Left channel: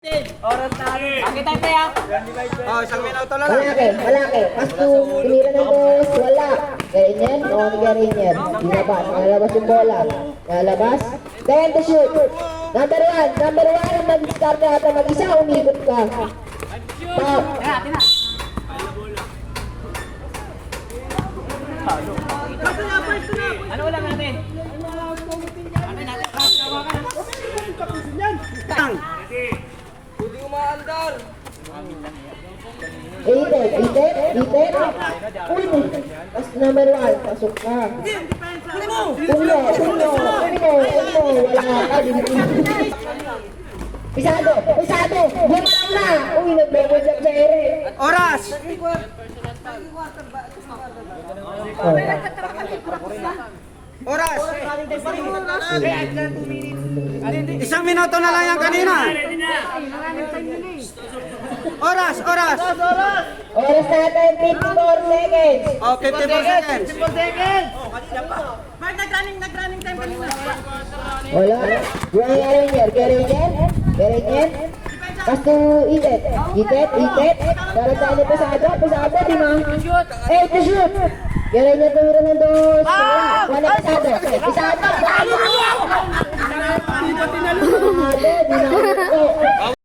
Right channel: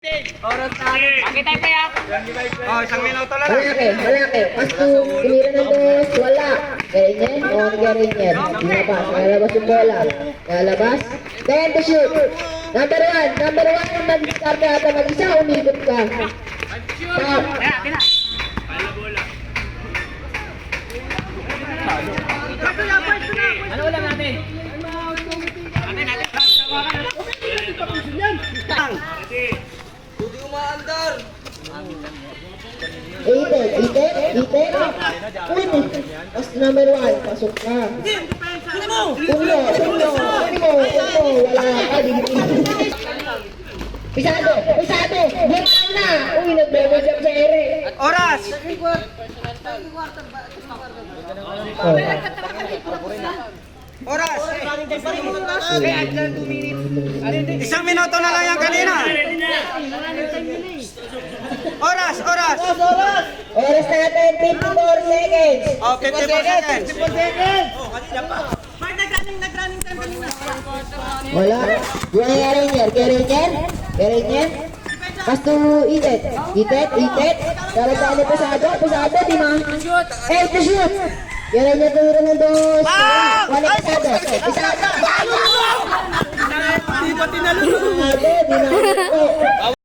Bakit tayo pa ya? Oh, isang minuto lang. Malaki. Pasto, tinira ng boss, wala. Ganyan, o ganyan. Ilabas, lalabas yung bola. Lalabas. Then to shoot. Number one, yung mag-start na ata mag-isa, umikot ka. Stop. Kaya, akin na. Ano ulam natin? Itek. Pasto number one, pasok ka. Tulo. Wala ka, Pisado. Butang na. Uy, nag-level jump sa ere. Oras! Oh. Oras! Isang minuto na lang yan kanina. Oras! Oras natin, 54 seconds. Oh, 54 seconds. Mark, nag-running time kanina. Wala. Gerinyan. Pasto, itet. Karang tayo ni pasado, di ba? To shoot. Gerinyan tumira ng dos. Wala pasado. Di na.